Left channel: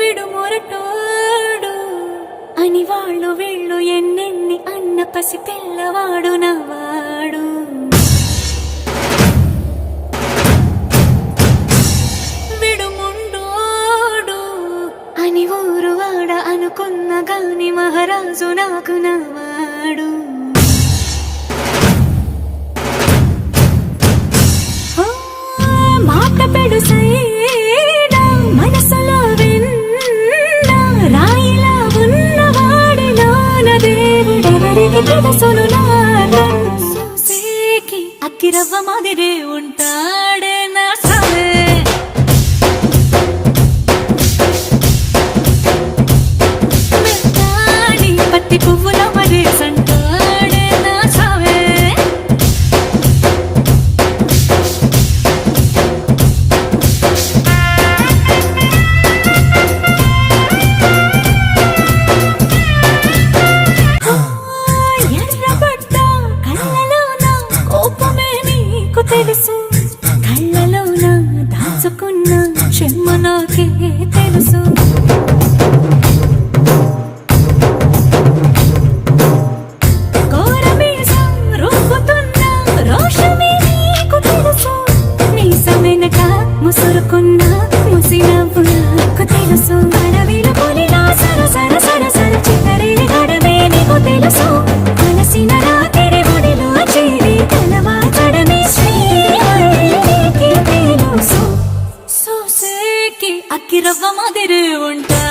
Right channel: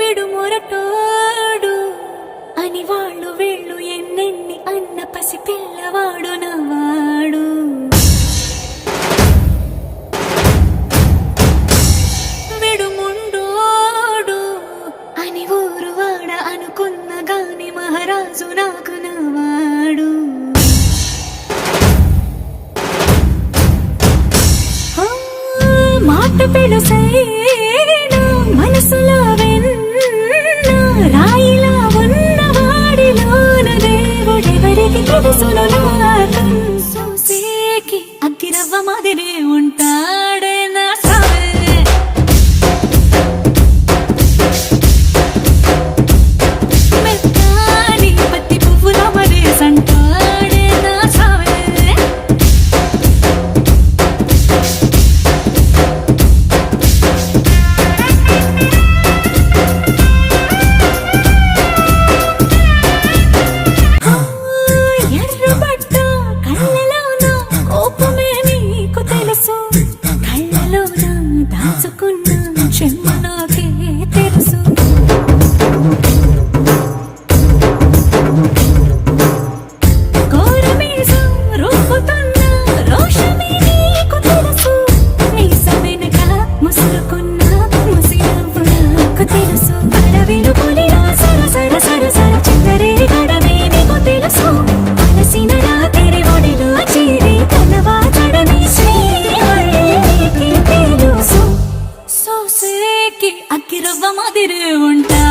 విడుమొరటోడు అని వాళ్ళు వీళ్ళు ఎన్నెన్ని అన్న పసి పిల్లవాడు నవ్వాడు. విడుముండోడు అని ఊరు వాడ అనుకున్న గాని మహారాజు నాకు నవ్వాడు. మాట పెడుసైనా మనసులో వెన్న రాయిలా ఉన్నవాడిలోన దేవుడెవరికి తెలుసును నాకన్ సూసేకి అగ్గిరవ్వ మాదిరే ఉంటాడే నా సావే. మెత్తాని పత్తి పువ్వుల మరేసంటాడే నా సావే. తెలుసు కళ్ళలోన దాచుకున్న చెమ్మ నాకే తెలుసు. కోరమీసం రుబ్బుతున్న రోషమే నీకు తెలుసు. మీసమెనక ముసురుకున్న ముసినవ్వు నాకు తెలుసు. అడవిలు పులిలా సరసర సరసర చిల్లరే గడమే నీకు తెలుసు. అలసిన రాత్రి ఒడిలో చేరి కలవాచడమే సోసేకి అగ్గిరవ్వ మాదిరి ఉంటా.